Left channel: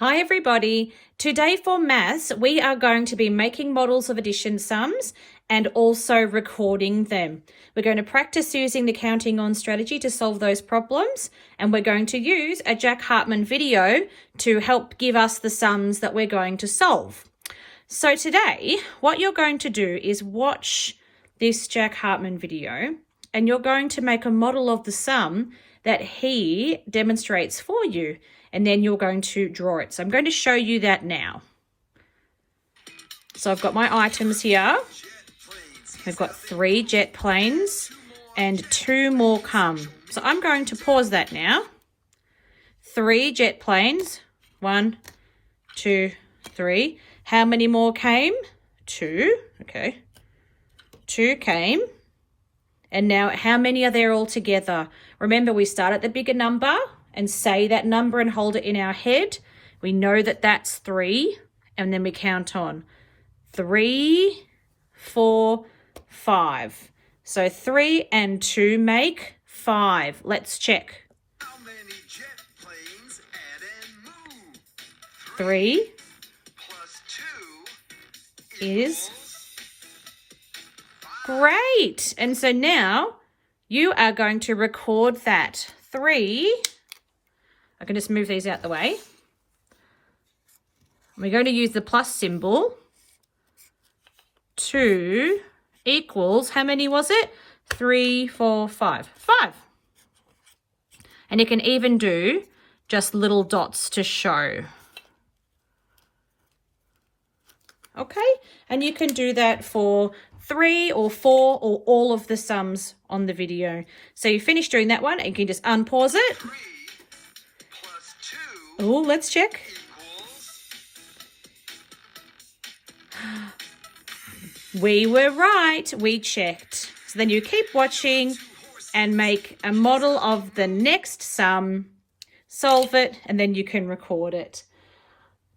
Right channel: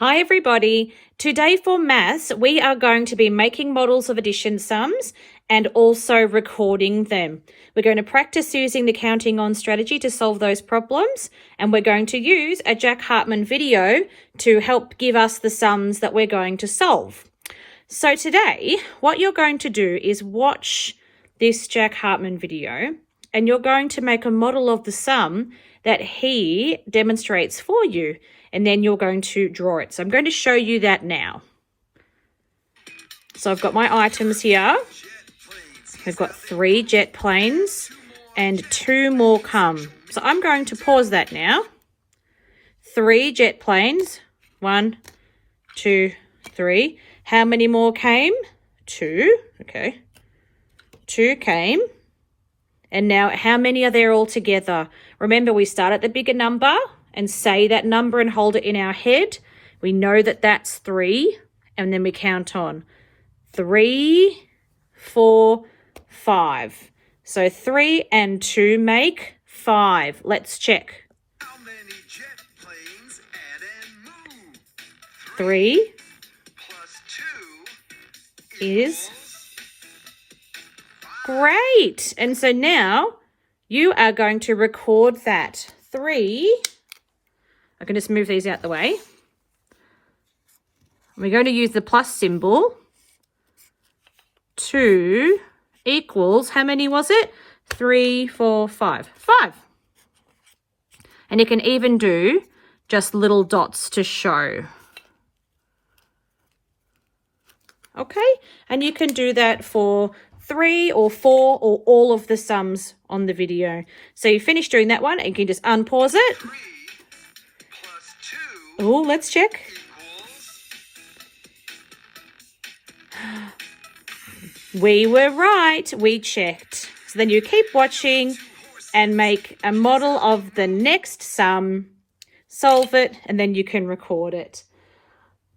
Hi everybody. Today for maths, we are going to be making models of addition sums and also recording them. We're going to practice using the counting on strategy to solve those problems, and we're going to use a Jack Hartman video to help give us the sums that we're going to solve. So today, what you're going to do is watch this Jack Hartman video, and you're going to make a model of the sum that he demonstrates for you. And then you're going to draw it. So I'm going to show you that now. So I've got my items here. We've got 3 jet planes and 2 more come. So I'm going to pause that now. 3 jet planes. 1, 2, 3. How many more came? 2. Okay. 2 came. And now how many are there all together? Remember, we start at the bigger number and say that number and hold it in our head. We know that that's 3, and then we count on 3, 4, 5. So 3 and 2 make 5. Let's check. How many jet planes add and move? 3 plus 2 is great. And so now you are going to record that. 3. I can just move these out the way. We're going to use the plus symbol. 2 equals, how many was it? 3, 4, 5. 5. And you can even do just little dots to show. Okay, and you can do that for 3 or 4 or all of the sums on the video. So you finish doing that one and you can just unpause it. 3 plus 2 Oh, let's check. We were right. We checked. So then you keep watching and make a model of the next sum, solve it, and then you can record it.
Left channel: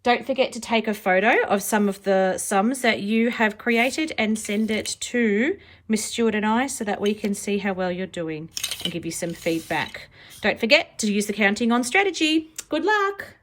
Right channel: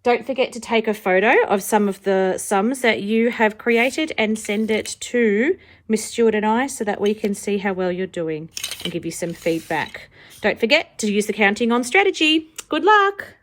Don't forget to take a photo of some of the sums that you have created and send it to Miss Stewart and I so that we can see how well you're doing and give you some feedback. Don't forget to use the counting on strategy. Good luck.